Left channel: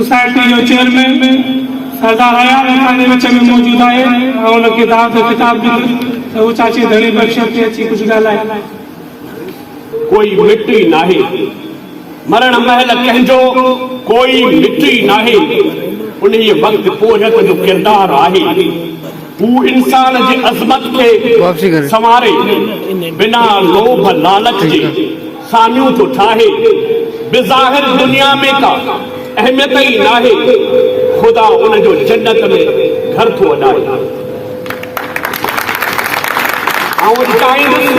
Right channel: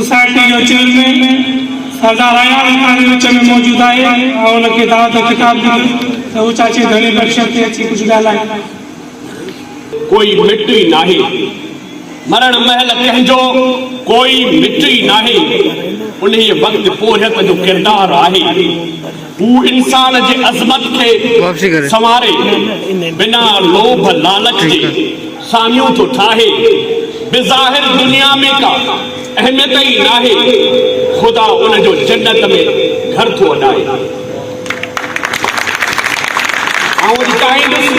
सोसाइटी जो चेयरमैन सरदार अयाल असांजे विच में मौजूद है और उनके दावत खिताब दी तो वो चाची घणी बख्शत ते अची कुछ ॻाल्हाए। कोई मिटी नाहे मरण महल कंहिंजो कोई मिटी नाहे उन वक्त पोहत जो किरदार आहे हू इंसान जे अज़मत के संवारे बिना लोभ लालच जे सामियूं तो ठाहे बेज़ाहिर दुनिया में का अहमियत ही नाहे खुदा उन जो जन्नत में घर तो अॾाए। आउं चाहींदुसि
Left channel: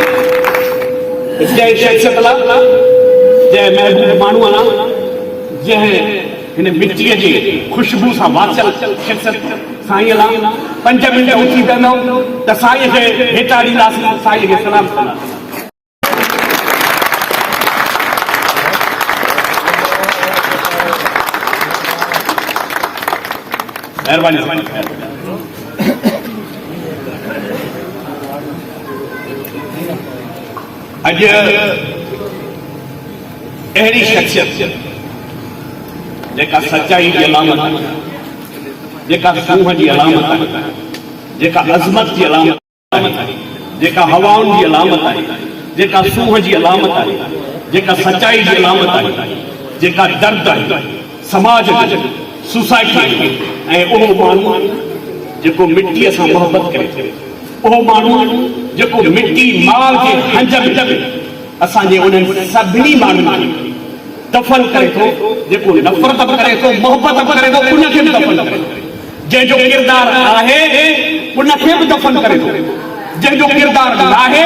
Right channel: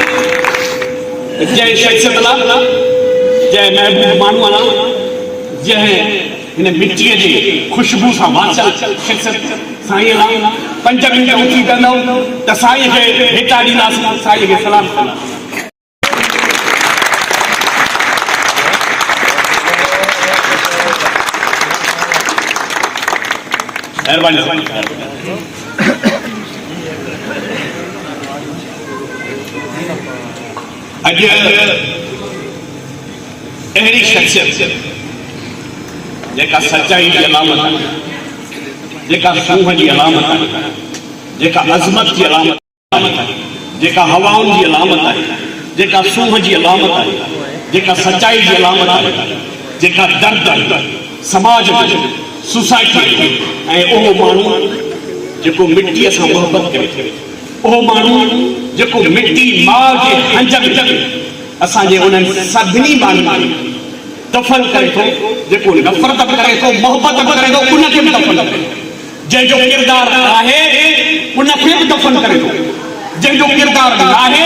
जंहिं शख़्सियत लाइ जंहिं महबूब माण्हू अला जंहिं हिन मिट्टीअ जी ख़ुशबू सां वाचल शख़्सियत साईं लाइ 5 मिंट उथी वेंदव त साईं खे हेठा ॾींदासीं, साईं खे सलाम कंदासीं। अज अहिड़ी शख्सियत जेका सच्चाई की अलामत है, जेका सूह की अलामत है, जेका अज़मत की अलामत है, जेका हवाउन की अलामत है, जेका सूह की अलामत है, जेका सच्चाई की अलामत है, जेका दर्द है समाज जो सोसाइटी ऐं उहो माण्हू जेको मिट्टीअ सां मोहबत करे, उहो माण्हू जेको मिट्टी माउ जे हंज में असांजे उन्हनि सभिनी माण्हुनि दफ़न करे थो, जेको नफ़रत करे थो, मोहबत करे थो, उनखे बि दफ़न करे थो। जंहिंजो किरदार आहे उनखे बि दफ़न करे थो, जंहिंजो किरदार नाहे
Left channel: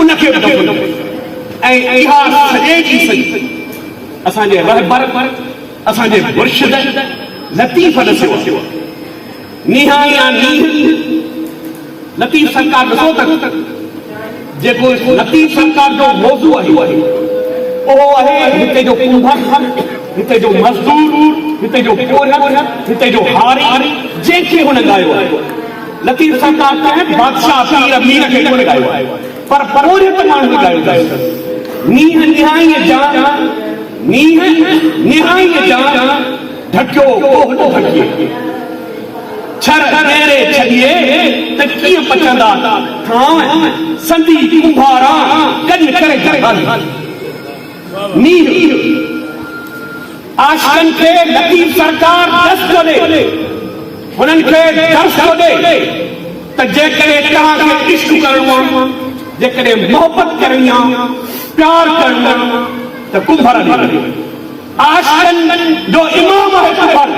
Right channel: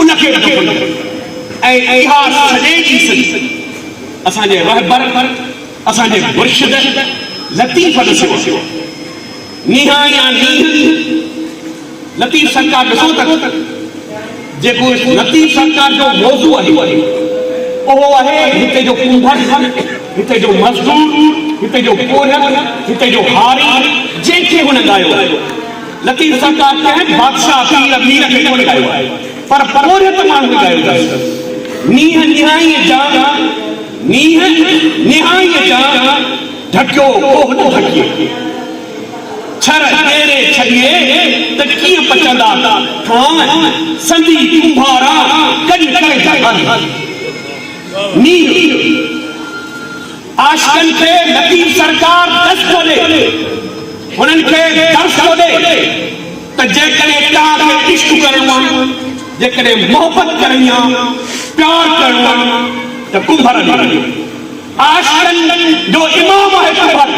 उनखे बि दफ़न करे थो। ऐं इहा सॼे जी सॼी असांजे रहबर असांजे मुर्शिद लतीफ़ ॾिसियो नीहा या नीह लतीफ़ सरकार ॾिसो त जेको लतीफ़ सरकार जो मौज़ू आहे उहो आहे हिते जो कुंभर, हिते जो मज़दूर, हिते जो पोरत, हिते जो हारी जंहिंखे हुन ॻायो आहे। लतीफ़ सरकार कंहिं बादशाह पीर अमीर खे कोन ॻायो आहे पर पोरत माण्हू ॻायो अथसि। नीह निहाईअ जा नीह निहाईअ जा ढकियो कोह न ढकिए छर ॾेरे छॾिए त कीअं पचंदा ठाव संधी कुंभारा कॾ करे था नीह आशिकनि खे लतीफ़ सरकार दस थो ॾे, हुननि खे दर्स थो ॾे त जेकॾहिं तव्हांखे इश्क करणो आहे, जेकॾहिं मोहबत करणी आहे, प्यार करणो आहे त कुंभर ॾे। आशिकनि जो इमाम आहे कुंभर,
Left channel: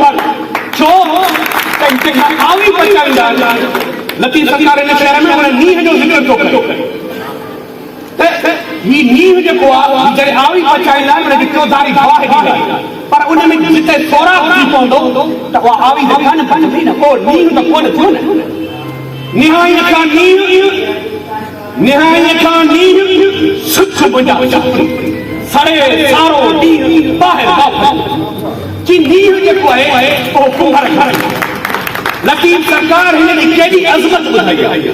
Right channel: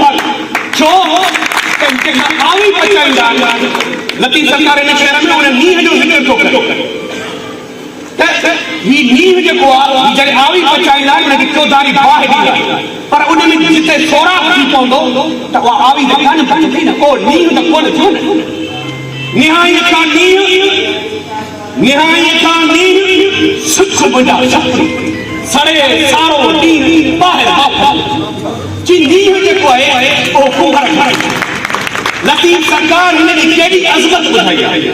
छो आवी पचाईंदा लतीफ़ सरकार इन शहर में उन नीह जो ज़िक्र थो करे त ही नीह जेको आहे जॾहिं आवी पचाईंदा उनखे चौधारी बाहि ॾींदा पर उन में जिते सोराख़ थी पवंदो त उहा आवी त कान पचंदी न, को नीह त कोन थियो न। निहाईअ खां निहाईअ खां नीह सुख मुंहिंजा सुखड़ी सड़े सारो नीह ॿाहिरि वापसि जी नीह जेको आहे उहो कुंभर खे लतीफ़ सरकार हिनजी केॾी अज़मत ॿुधाई आहे।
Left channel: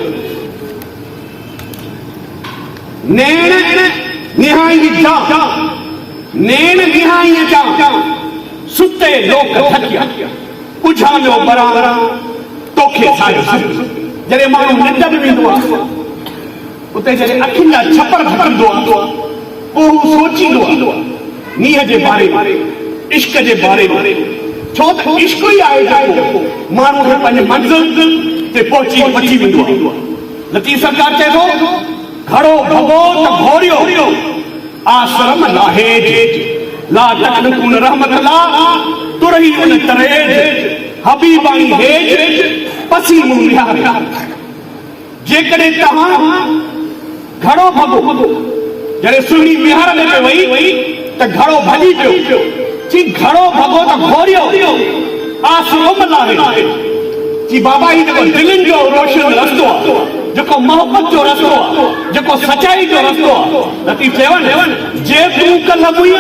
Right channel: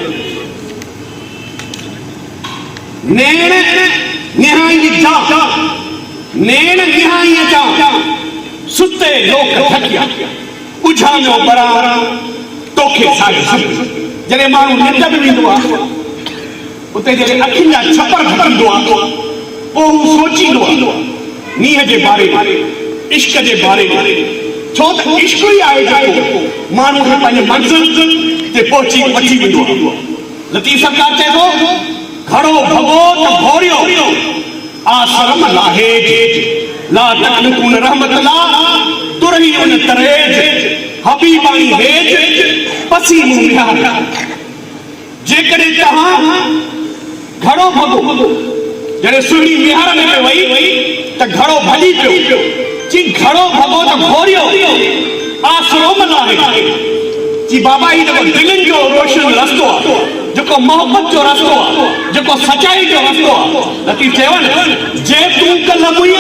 नेण निहाई जा नेण निहाईअ जा सुते लोक थकिया उझामियो बरा तोखे सायो सुख। जॾहिं माण्हू निंड में वेंदो आहे उते जॾहिं अखियुनि जा छपर घटींदो आहे पोइ हू सोचींदो आहे नीह जे बारे में, इश्क जे बारे में, छो त इश्क ई आहे जेको माण्हू खे पंहिंजे मंज़िल ते पहुची वठी वेंदो आहे। लतीफ़ सरकार चए थो घड़ो भॻो त घोरियो आश्रम लाहेज ला तकलकुन रहमत ला तुरही उन तरेज हबीबानी हेज पसी मुंहिंजार। जेकॾहिं तव्हां घड़ो भॻो जॾहिं सुहिणी मिहार में पे वई त घड़ो भॼी पियो जी घड़ो भॻो त घोरियो आसरोम लाहे जी बाबा ही जेको दिलनि जो रोशन रस्तो आहे, जेको मोहब्बत जो रस्तो आहे, जेको सचाई जो रस्तो आहे। लतीफ़ चवनि जे तूं कल्ह मुई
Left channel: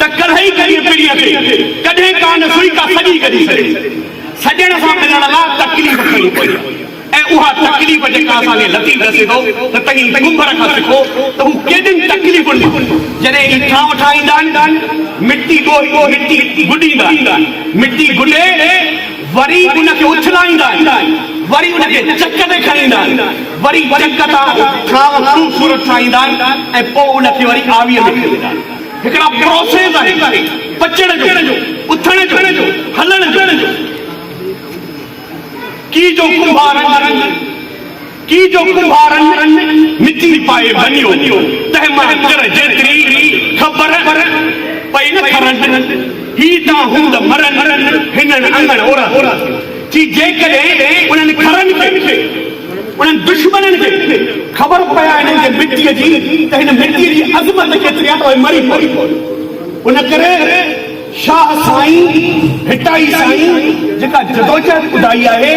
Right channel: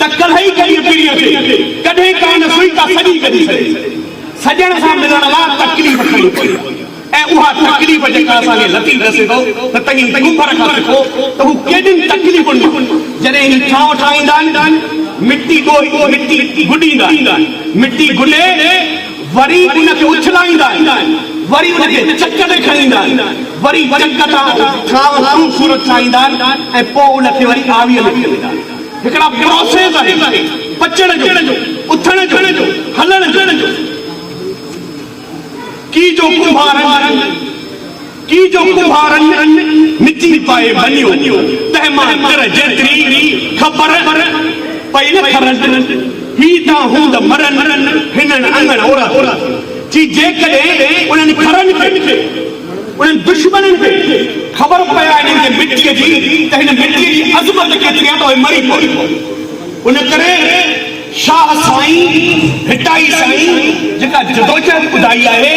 त कल्ह ई कॾहिं पिड़ीअ ते कॾहिं कान सुई का सॼी कढी सघे। सॼण सां मिलण लाइ तकलीफ़ खणी पई ऐं उहा तकलीफ़ जेका असांखे लतीफ़ ॾसे थो त तव्हीं कुंभर खां सिखो त हू केॾियुनि तकलीफ़ुनि मां जॾहिं ही ठाव ठाहींदा आहिनि मिटी गुॾींदा मिटी गुॾे वरी उनखे उछलाईंदा आहिनि वरी उनखे चक ते खणींदा आहिनि वरी चक तां ठाव ख़ूबसूरत ठाहींदा आहिनि ऐं पोइ उनखे वरी आवीअ में खणींदा आहिनि हिकिड़ा प्रोसेस आहे पचण जो उथण जो हलण जो की जो कुंभारनि मिटी पाए बनियो तंहिं मां तिर जेतिरी ख़बर पई न खरनि ही तां हूंद मरनि हिननि अंगण औरत जी जेकॾहिं उन्हनि खरनि खे उन्हनि दुश्मननि खे ख़बर पया हिननि खे मिटीअ जी त हिन मिटीअ जी अज़मत केतिरी आहे त उहे मरी पई उन करे शाह साईं हिटाई साईं जेका जदोजहद ॿुधाई आहे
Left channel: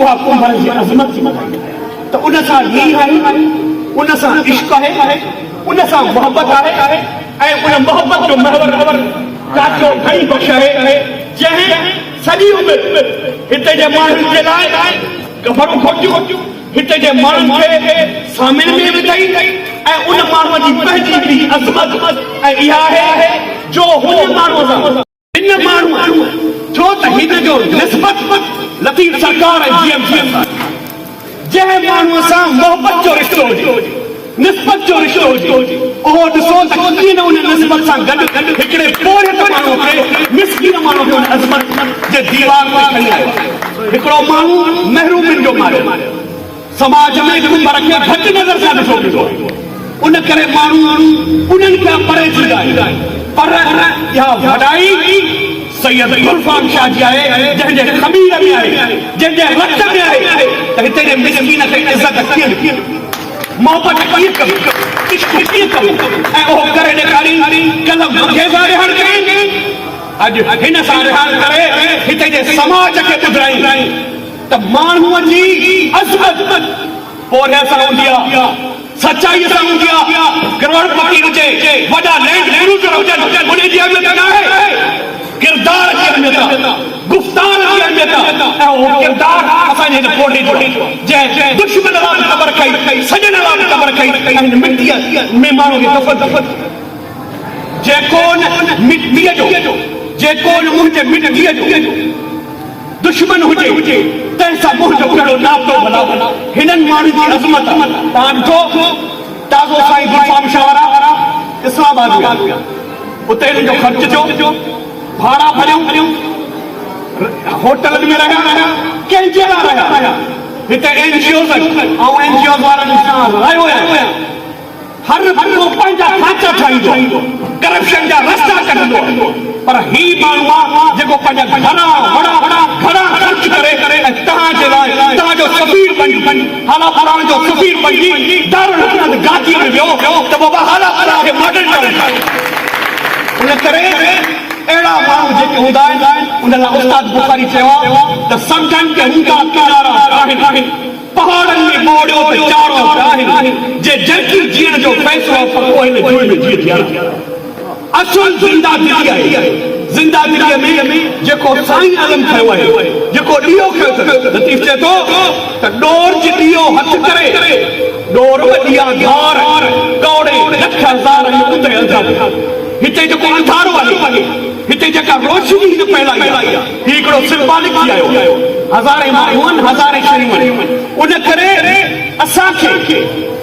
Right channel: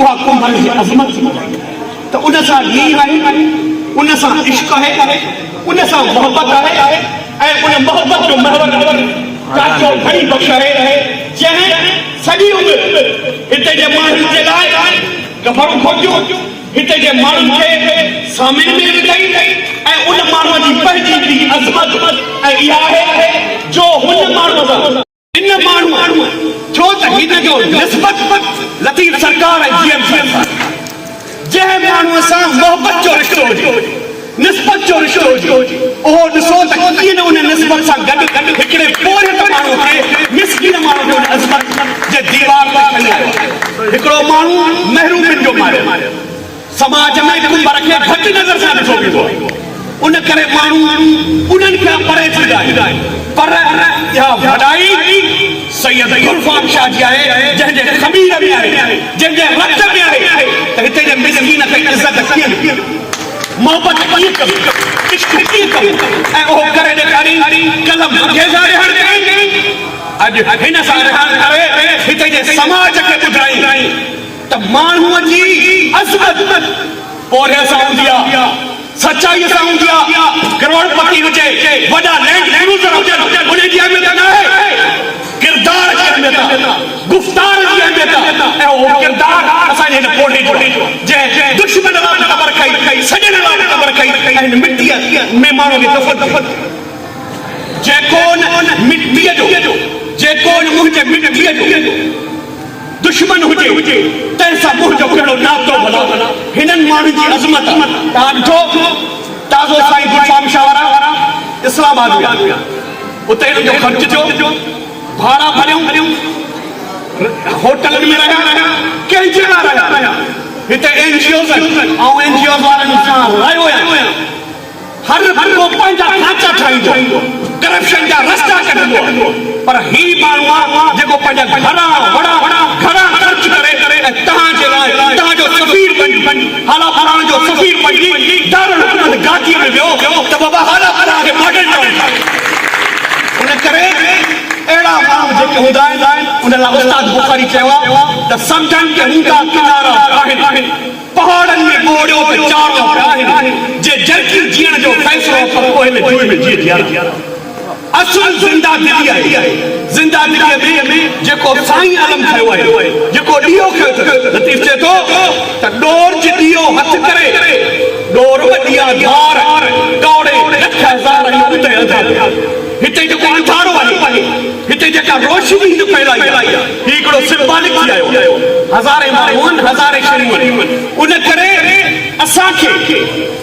उहा कुंभर जी अज़मत जी ॿुधाई आहे त उन सां लीह आहे उन सां इश्क आहे उन सां मोहबत आहे ऐं उन मोहबत जो महवर काचो घणी बख़्श आहे जंहिं सॼी उमिरि हिते जे माण्हुनि जे लाइ गफ़रो खोटियो हिते जे माण्हुनि खे सामिल में विधई ऐं उन माण्हूअ जी पंहिंजी बि अज़मत ऐं इहा आहे जो हुन माण्हूअ सां हिन माण्हूअ छो त हिन जो निस्बत लतीफ़ सरकार ऐं जीएम सां जंहिं माण्हूअ सां मोहबत जो रिश्तो हुजे निस्बत जो रिश्तो हुजे उहो ॾिसो त कीअं न उन निस्बत सां गॾु हिकिड़े पोरे माण्हूअ खे मिसकीन माण्हू खे उन अज़मत जे दीवार ते खणी आयो हिकिड़ो माण्हू महरूमिन जो मारियो समाज में कुंभर खे घटि नज़र सां ॾिठो वेंदो आहे उन करे माण्हू उन्हनि खां परे थींदा आहिनि पर इहा वॾाई सैयद गुलफाम शाह जी आहे जंहिंजे ख़मीर में आहे जंहिंजे रत में आहे त हिते जे मिसकीन खे इज़त कीअं मोहबत कीअं कबी इश्क कीअं कबी ऐं उहो करे ॾेखारी कल्ह मूंखे सां रिहाइण करे अॼु हिन सां रिहाइण करे हिते जे समाज खे ॿुधाई त माण्हूअ जी अज़मत पोरे सां हूंदी आहे सचाई सां हूंदी आहे करोड़पति हुजे वॾा लैंड क्रूज़र हुजनि उन जी अहमियत न आहे किरदार जी अहमियत आहे गुफ़्तार जी अहमियत आहे ऐं उहो किरदार असांजे हिन पोड़े जो जंहिं दुश्मन लाइ बि ख़बर कई सॼण लाइ बि ख़बर कई ऐं हिन मिटीअ में माण्हू खे दफ़न जेको मिटीअ जो जेको मुंहिंजे मिटीअ जो दुश्मन हुजे तंहिंसां मुंहिंजो कहिड़ो नातो भला हिननि माण्हुनि जी अज़मत आहे तव्हां ॾिठो ताज़ो साईं गुलफाम शाह वारा इस्लामाबाद में उते हिननि जो ख़र्च थियो भाड़ा भरियूं होटलनि में रहिया कंहिंजे लाइ रहिया हिते NGOs आहिनि ऐं NGOs वारनि सां रहियो आहियां हर को पंहिंजा खाचा ठाहींदो करप्शन जा रस्ता कढंदो पर ही माण्हू आहे जेको पंहिंजा घणा ख़र्च करे ऐं तव्हांजे लाइ तव्हांजो सफ़ीर बणी हाला फलाणे जो सफ़ीर बणी दारुल हुकूमत गादीअ में वियो त बाबा हाला फलाणे खे मॉडल टाउन उन करे अहिड़ा माण्हू जेके हूंदा आहिनि उन लाइ उस्ताद बुखारी चयो आहे त समुंडनि के हूंदा किनारा आहिनि पहाड़नि में ॿोड़ियो त चारो आहिनि जे जल्दी जीअण जो फ़ैसिलो पर पोइ हिन जुए में जीअं जीअं असुल ज़िंदादिली आहे ज़िंदादिलीअ में जेको साईं आलम खयो आहे जेको ॾीओ खयो लतीफ़ चए थो त ॾोर जी ॾीओ हथ करे ॾोर ॾीआ धार कौड़े लख हज़ार उते हलंदा हिते जेको अंधारो आहे हिते जेका रोशनी हिन फैलाई आहे ही हिकिड़ो सिंबॉलिक थी आयो हज़ारे माण्हू आहिनि हज़ारे शयूं आहिनि उन करे असांखे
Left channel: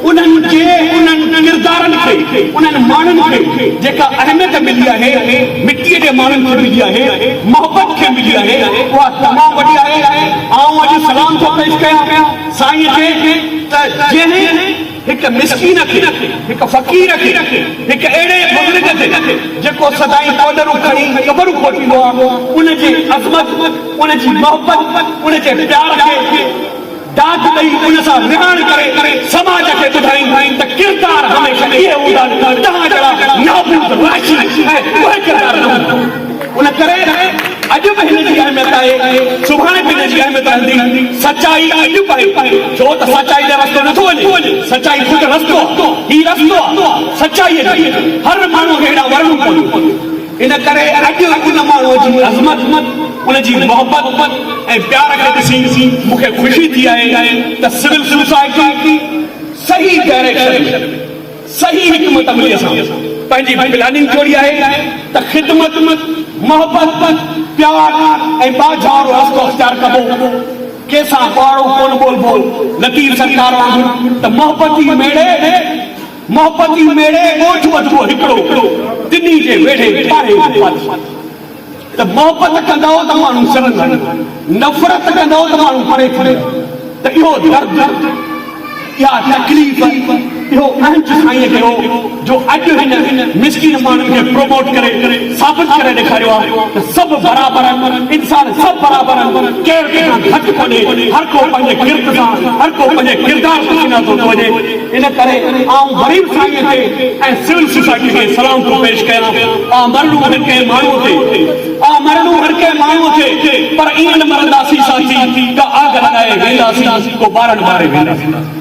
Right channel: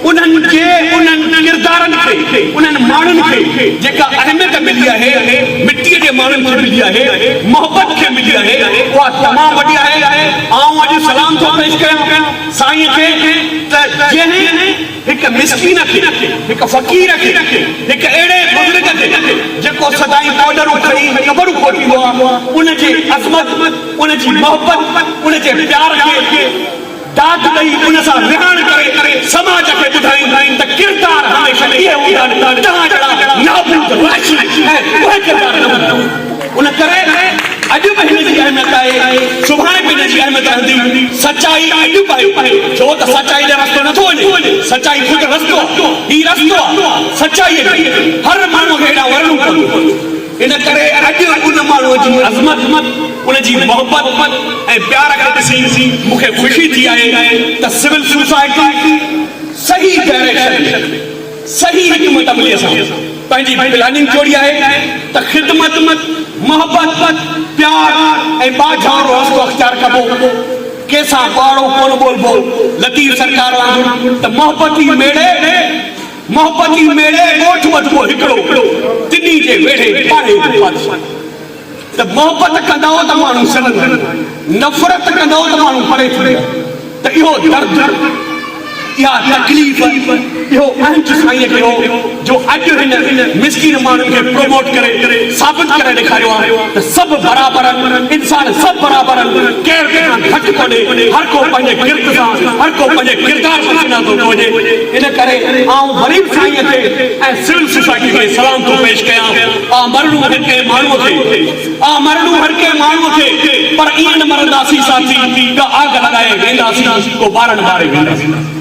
उन्हनि किरदारनि खे उन्हनि माण्हुनि खे जेका अहमियत मिली आहे मिटीअ जे माण्हुनि खे मिली आहे मोहबत खे मिली आहे उहा तमामु वॾी आहे आउं अॼु सलाम थो पेश कयां साईं खे त जंहिं हिकु मिसकीन खे हिकु फ़क़ीर खे हिकु अहिड़े बुज़ुर्ग खे जेको सदाईं बॉर्डरूं खणी क़बरूं खोटींदो आहे उनजी अज़मत उनजी मोहबत उनजे प्यार खे दाद ॾेई उन सां रिहाइण करे समाज खे ॿुधाई त किरदार हमेशह इहे हूंदा आहिनि तव्हां जहिड़ा नाबूद राशि ऐं उहे किरदार न हूंदा उन करे अॼु बि हिन जी अहमियत आहे सुभाणे बि हिन जी अहमियत रहंदी सचाई अॼु बि आहे छो त सचाई जो रस्तो नथो वञे सचाई ख़ुदि रस्तो आहे ही रस्तो आहे सचाई हर माण्हू खे हेॾा वर्णूं कनि इन करे अॼु उन माण्हूअ जी अज़मत उनजी मोहब्बत ऐं प्यार खे ॾिसी मूंखे ख़ुशी थी आहे त सिविल सोसाइटी सही डायरेक्शन सही हिकमत अमलीअ सां पंहिंजी प्लानिंग जोड़ी आहे त ख़िदमत मोहब्बत प्यार ऐं बाझारो रस्तो अख़्तियार कबो कंहिंसां ॿाड़ो कोन ॿोलबो लतीफ़ सरकार वांगुरु त मोहब्बती मेड़े ॻोठ वधबो हिकिड़ो तिनी जे वेढ़े पारे त मोहब्बत कंदो त माण्हू सड़ंदा नफ़रत कंदो त माण्हू परे थींदा त इहो दर्द इहा तकलीफ़ इहो अंच साईं खे जो अॼु हिन मिसकीन माण्हुनि खे प्रमोट करे साबित करे ॾेखारियो आहे त सभु बराबर आहिनि इंसान सभु बराबर आहिनि केरु कंहिंखां घटि कोन्हे हर को पंहिंजे किरत सां हर को पंहिंजे किरदार सां सुञातो थो वञे इन करे आउं ग़रीब साईं खे ऐं सिविल सोसाइटी खे सलाम थो पेश कयां मरणो हर कंहिं माण्हूअ खे पर ईअं न मरंदासीं साथी त आग लॻाए वेंदासीं को ॿारनि ॿारे वेंदासीं